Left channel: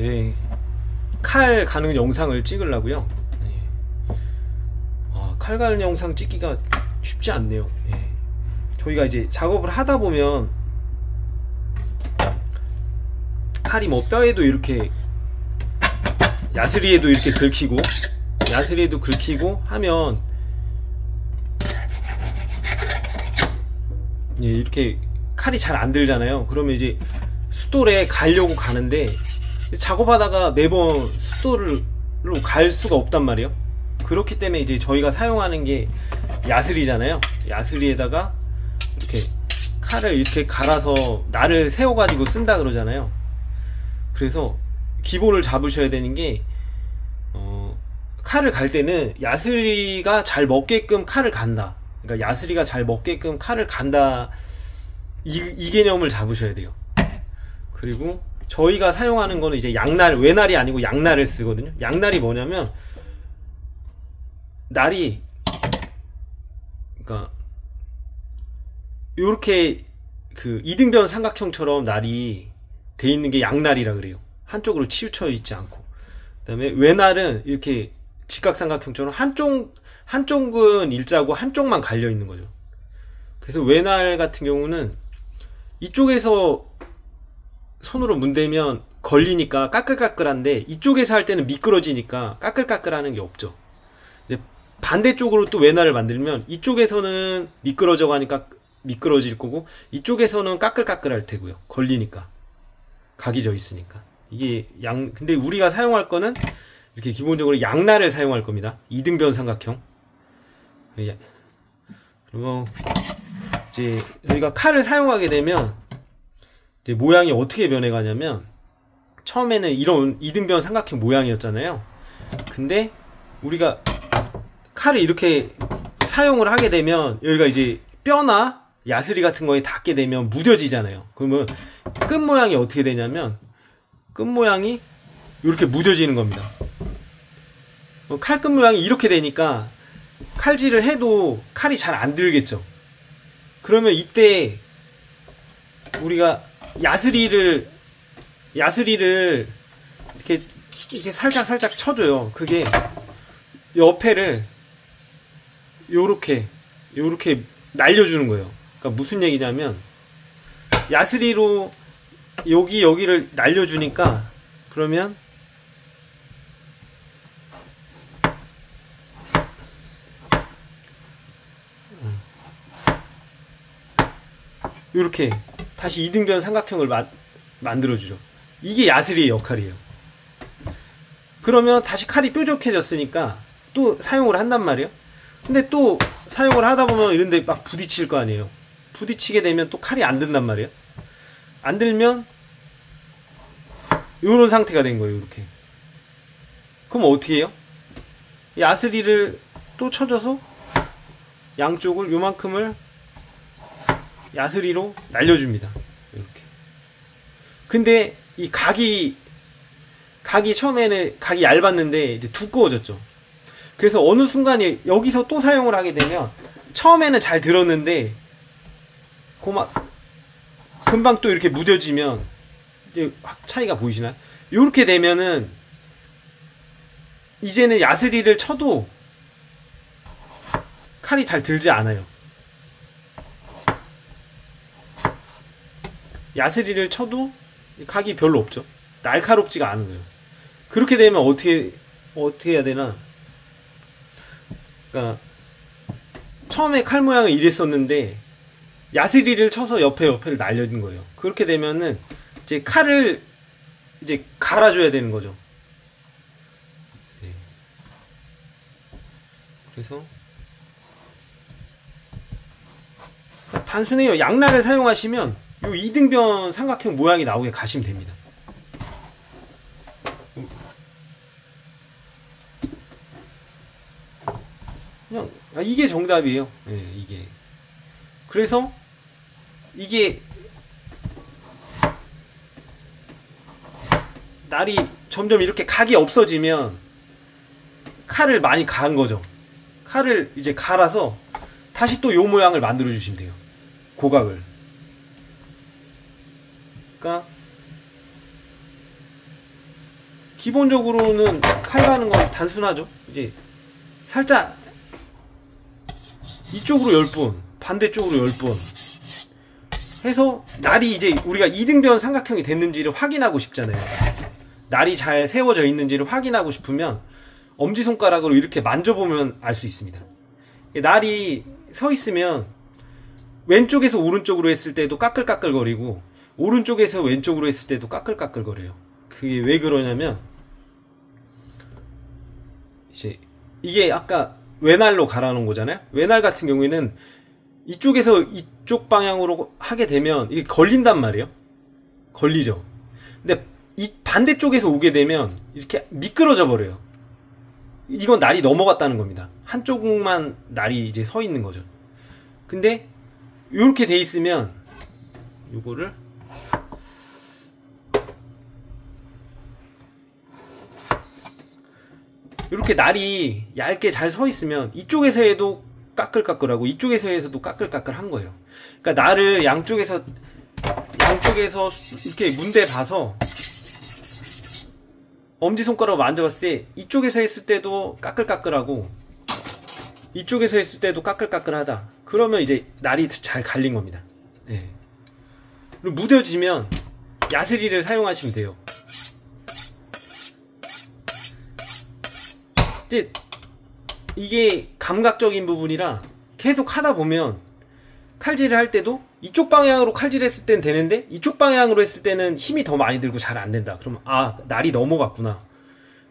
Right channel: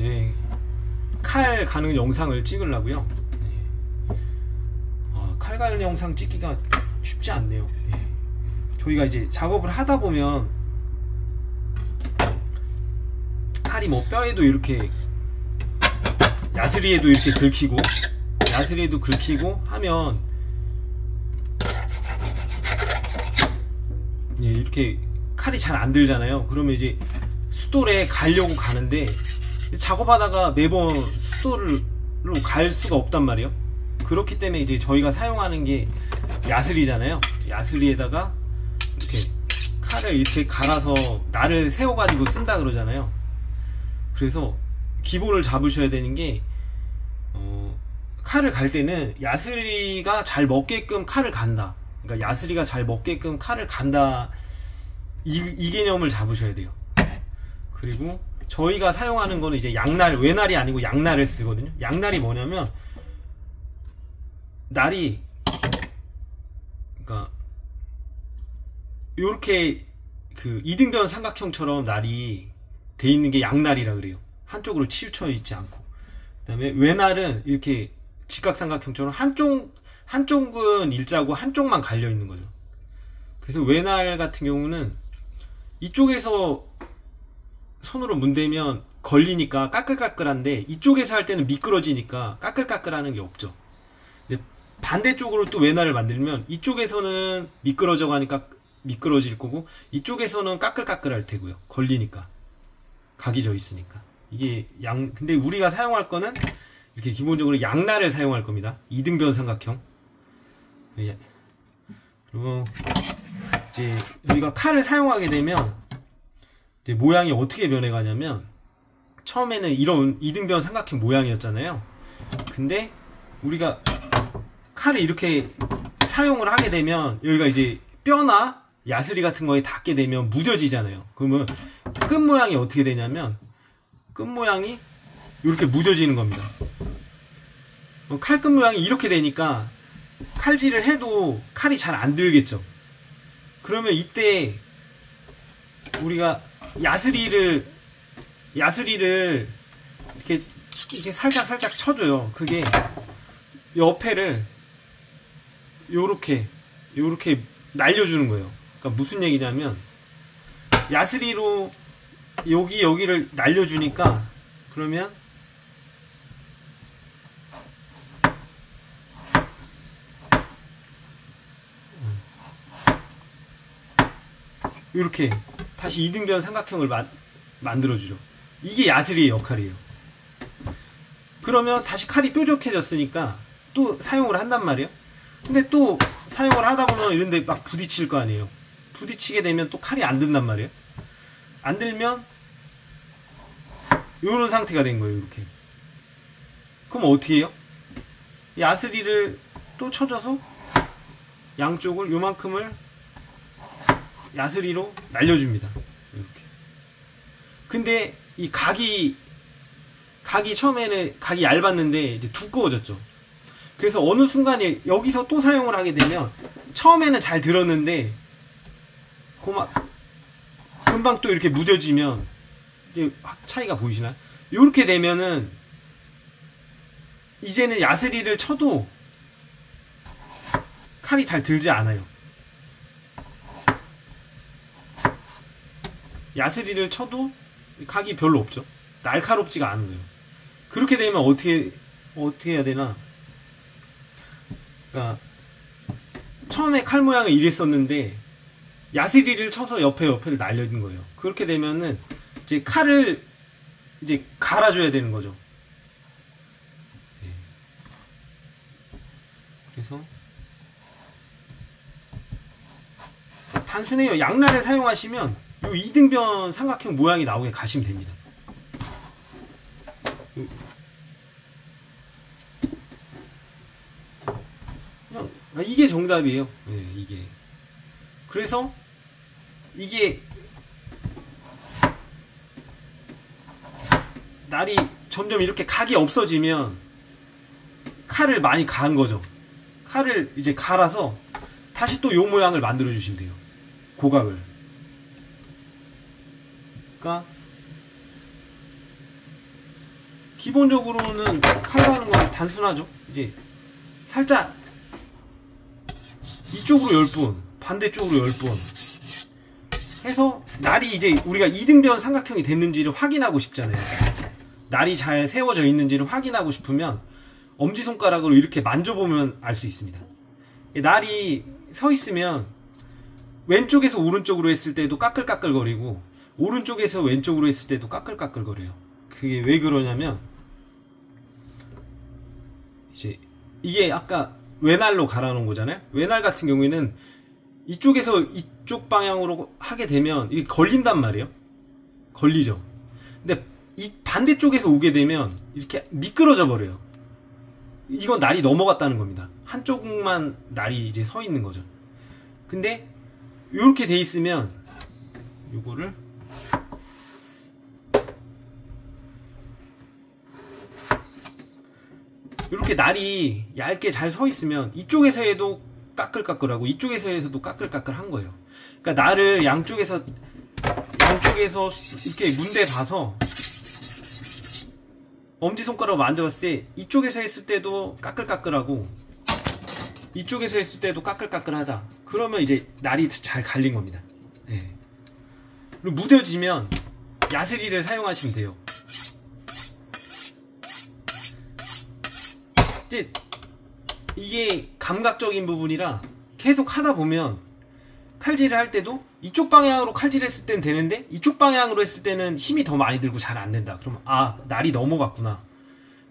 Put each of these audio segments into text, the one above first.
예. 칼 가는 영상을 찍으려고요. 예. 칼 가는 영상 찍기가 쉽지 않네요. 예. 저희가 이제 작업을 하다 보면 칼이 뭐 뼈에도 이렇게 야스리에도 이렇게 긁히고 야스리에도 긁히고 하면 예, 이렇게 칼이 잘 안 들잖아요. 그러면 이제 숫돌에 가려고 가는데 작업하다가 매번 숫돌로 갈 수가 없단 말이에요. 그렇기 때문에 이제 저희가 사용하는 게 야스리잖아요. 야스리에다가 이렇게 칼을 이렇게 갈아서 날을 세워 가지고 쓴다 그러잖아요. 그래서 기본을 잡으셔야 되는 게 칼을 갈 때는 야스리가 잘 먹게끔 칼을 간다. 그러니까 야스리가 잘 먹게끔 칼을 간다. 이 개념을 잡으셔야 돼요. 그리고 저희가 사용하는 거는 이제 양날, 외날이 아니고 양날을 쓰거든요. 양날이 뭐냐면 날이 그러니까 요렇게 그 이등변 삼각형처럼 날이 돼 있는 게 양날이라 그래요. 한쪽으로 치우쳐 있지 않고. 그다음에 외날은 이렇게 직각삼각형처럼 한쪽은 일자고 한쪽만 갈려 있는 거죠. 그래서 외날 같은 경우는 이쪽에서 손으로 문대면 걸리니까 까끌까끌한데 이쪽에서 할 때는 미끄러지니까 까끌까끌하는 게 없죠. 근데 반대쪽으로 또 외날을 만들면 이쪽에서는 미끄러져 가니까 미끄러질 거고 이쪽에서는 까끌까끌할 테고요. 걸리니까 각이 져 있으니까. 이게 근데 우리가 사용할 거는 이렇게 기본적으로 양날을 사용할 겁니다. 이등변 삼각형. 그리고 이제 저희가 칼을 사용하게 되면 이제 모양이 어떻게 변해가냐면 처음에는 이런 이등변 삼각형 모양이었잖아요. 근데 우리가 칼을 이렇게 사용을 하게 되면 여기가 이제 뼈나 야스리 같은 거에 닿게 되면 무뎌지잖아요. 그러면 끝 모양이 어떻게 되냐면 끝 모양이 이렇게 무뎌지는 겁니다. 칼 끝 모양이 이렇게 되니까 칼질을 해도 칼이 잘 안 들겠죠. 그러면 이때 우리가 야스리를 이렇게 살짝 쳐줘요. 그게 옆에를 요렇게 날려주는 거예요. 그러니까 무슨 얘기냐면 야스리로 여기를 날려주니까 그러면 요렇게 다시 이등변 삼각형을 만들어주죠. 이게 야스리의 역할이에요. 그러면 다시 칼이 뾰족해졌으니까 또 사용을 한단 말이에요. 근데 또 사용을 하다 보면 이런데 막 부딪힐 거 아니에요. 부딪히게 되면 또 칼이 안 든단 말이에요. 안 들면 요런 상태가 된 거예요. 이렇게. 그럼 어떻게 해요? 야스리를 또 쳐줘서 양쪽을 요만큼을 야스리로 날려줍니다. 이렇게. 근데 이 각이 처음에는 각이 얇았는데 이제 두꺼워졌죠. 그래서 어느 순간에 여기서 또 사용을 하게 되면 처음에는 잘 들었는데 금방 또 이렇게 무뎌지면 이제 확 차이가 보이시나요? 이렇게 되면은 이제는 야스리를 쳐도 칼이 잘 들지 않아요. 야스리를 쳐도 각이 별로 없죠. 날카롭지가 않은 거예요. 그렇게 되면 어떻게 해야 되나? 그러니까 처음에 칼 모양은 이랬었는데 야스리를 쳐서 옆에를 날려준 거예요. 그렇게 되면은 이제 칼을 이제 갈아줘야 되는 거죠. 네. 그래서 단순해요. 양날을 사용하시면 이 이등변 삼각형 모양이 나오게 가시면 됩니다. 그냥 이게 정답이에요. 네, 이게. 그래서 이게 날이 점점 이렇게 각이 없어지면 칼을 많이 간 거죠. 칼을 이제 갈아서 다시 또 요 모양을 만들어 주시면 돼요. 고각을. 그러니까 기본적으로는 칼 가는 건 단순하죠. 이제 살짝 이쪽으로 10번, 반대쪽으로 10번 해서 날이 이제 우리가 이등변 삼각형이 됐는지를 확인하고 싶잖아요. 날이 잘 세워져 있는지를 확인하고 싶으면 엄지손가락으로 이렇게 만져보면 알 수 있습니다. 날이 서 있으면 왼쪽에서 오른쪽으로 했을 때도 까끌까끌거리고 오른쪽에서 왼쪽으로 했을 때도 까끌까끌거려요. 그게 왜 그러냐면 이제 이게 아까 외날로 갈아놓은 거잖아요. 외날 같은 경우에는 이쪽에서 이쪽 방향으로 하게 되면 이게 걸린단 말이에요. 걸리죠. 근데 이 반대쪽에서 오게 되면 이렇게 미끄러져 버려요. 이건 날이 넘어갔다는 겁니다. 한쪽만 날이 이제 서 있는 거죠. 근데 이렇게 돼 있으면 요거를 이렇게 날이 얇게 잘 서 있으면 이쪽에서 해도 까끌까끌하고 이쪽에서 해서도 까끌까끌한 거예요. 그러니까 날을 양쪽에서 이렇게 문대 봐서 엄지손가락으로 만져봤을 때 이쪽에서 했을 때도 까끌까끌하고 이쪽에서 했을 때도 까끌까끌하다. 그러면 이제 날이 잘 갈린 겁니다. 예. 그리고 무뎌지면 야스리를 사용하시면 돼요. 근데 이게 감각적인 부분이라 계속 하다 보면 칼질을 할 때도 이쪽 방향으로 칼질했을 땐 되는데 이쪽 방향으로 했을 때는 힘이 더 많이 들고 잘 안 된다. 그러면 아, 날이 넘어갔구나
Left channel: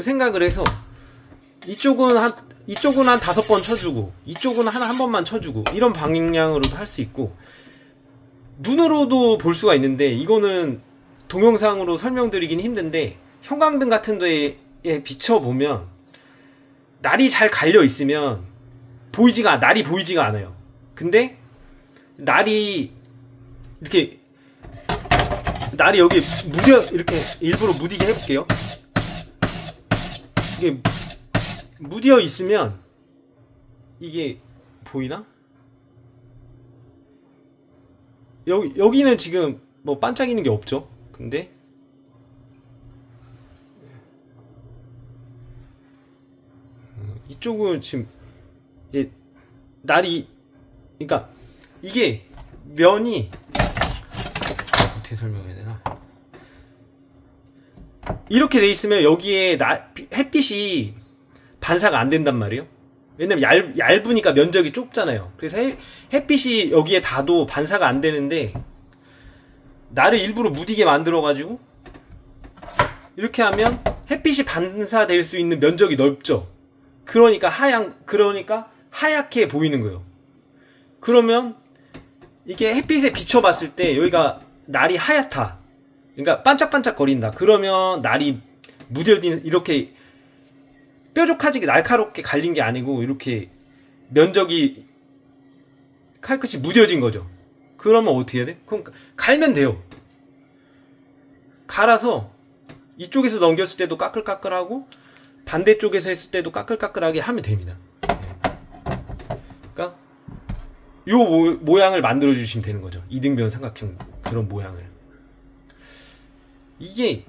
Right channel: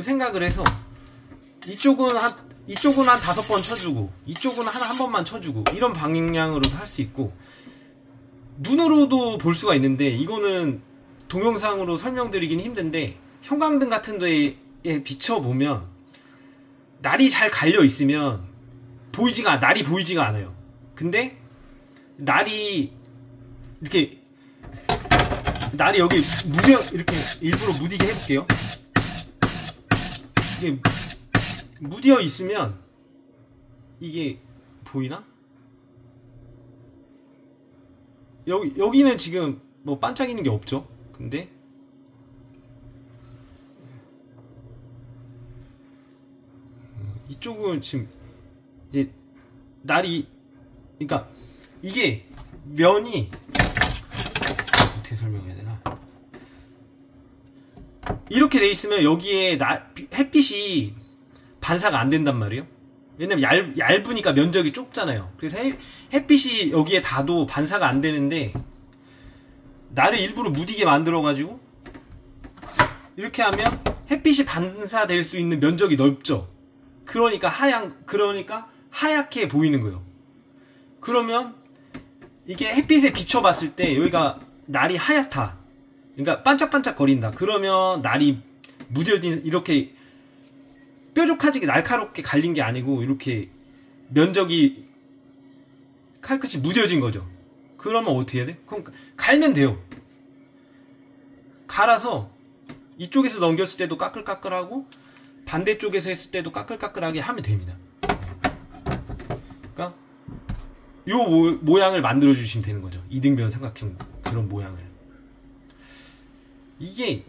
생각을 해서 이쪽은 한 5번 쳐주고 이쪽은 한 번만 쳐주고 이런 방향으로도 할 수 있고 눈으로도 볼 수가 있는데 이거는 동영상으로 설명드리긴 힘든데 형광등 같은 데에 비춰보면 날이 잘 갈려 있으면 날이 보이지가 않아요. 근데 날이 여기 이렇게 일부러 무디게 해볼게요. 이게 무디어 있으면 이게 보이나? 여기는 지금 뭐 반짝이는 게 없죠. 근데 이쪽은 지금 이제 날이 그러니까 이게 면이 어떻게 설명해야 되나? 이렇게 돼 있으면 여기에 햇빛이 반사가 안 된단 말이에요. 왜냐면 얇으니까 면적이 좁잖아요. 그래서 햇빛이 여기에 닿아도 반사가 안 되는데 날을 일부러 무디게 만들어가지고 이렇게 하면 햇빛이 반사될 수 있는 면적이 넓죠. 그러니까 하얗게 보이는 거예요. 그러면 이게 햇빛에 비춰봤을 때 여기가 날이 하얗다. 그러니까 반짝반짝 거린다. 그러면 날이 무뎌진 이렇게 뾰족하게 날카롭게 갈린 게 아니고 이렇게 면적이 칼끝이 무뎌진 거죠. 그러면 어떻게 해야 돼? 그럼 갈면 돼요. 갈아서 이쪽에서 넘겼을 때도 까끌까끌하고 반대쪽에서 했을 때도 까끌까끌하게 하면 됩니다. 그러니까 요 모양을 만들어 주시면 되는 거죠. 이등변 삼각형 그런 모양을. 이게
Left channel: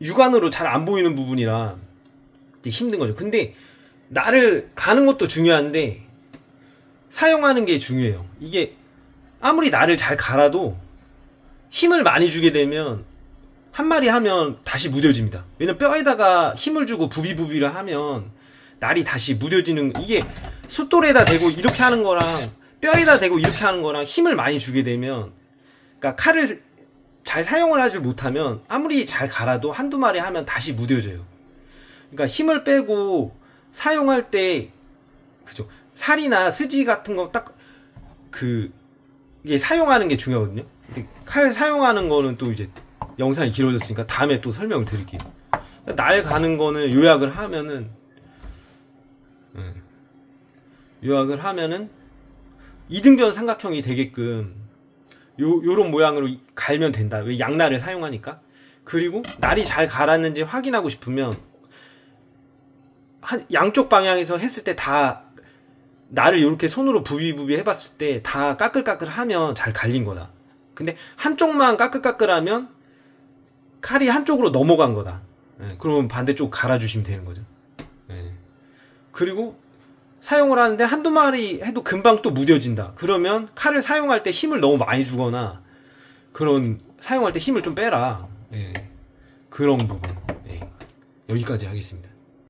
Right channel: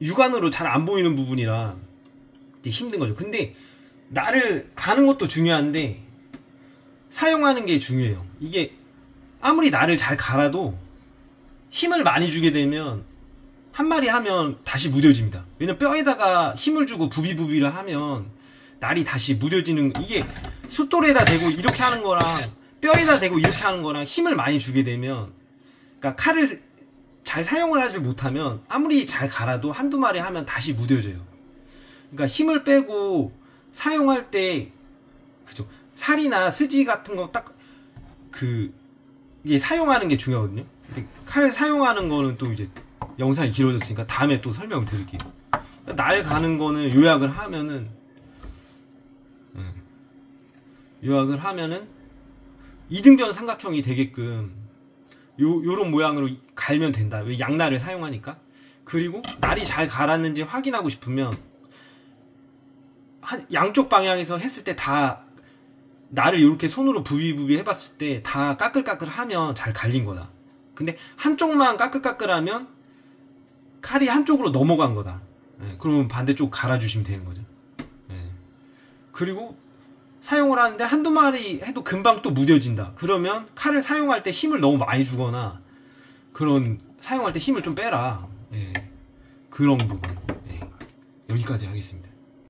육안으로 잘 안 보이는 부분이라 힘든 거죠. 근데 날을 가는 것도 중요한데 사용하는 게 중요해요. 이게 아무리 날을 잘 갈아도 힘을 많이 주게 되면 한 마리 하면 다시 무뎌집니다. 왜냐면 뼈에다가 힘을 주고 부비부비를 하면 날이 다시 무뎌지는, 이게 숫돌에다 대고 이렇게 하는 거랑 뼈에다 대고 이렇게 하는 거랑 힘을 많이 주게 되면, 그러니까 칼을 잘 사용을 하지 못하면 아무리 잘 갈아도 한두 마리 하면 다시 무뎌져요. 그러니까 힘을 빼고 사용할 때, 그죠? 살이나 스지 같은 거 딱 이게 사용하는 게 중요하거든요. 근데 칼 사용하는 거는 또 이제 영상이 길어졌으니까 다음에 또 설명을 드릴게요. 날 가는 거는 요약을 하면은 이등변 삼각형이 되게끔 요런 모양으로 갈면 된다. 왜 양날을 사용하니까. 그리고 날이 잘 갈았는지 확인하고 싶으면 양쪽 방향에서 했을 때 다 날을 이렇게 손으로 부비부비 해봤을 때 다 까끌까끌 하면 잘 갈린 거다. 근데 한쪽만 까끌까끌하면 칼이 한쪽으로 넘어간 거다. 예, 그러면 반대쪽 갈아주시면 되는 거죠. 예. 그리고 사용을 하는데 한두 마리 해도 금방 또 무뎌진다. 그러면 칼을 사용할 때 힘을 너무 많이 주거나 그런 사용할 때 힘을 좀 빼라. 예. 그런 부분. 예. 여기까지 하겠습니다.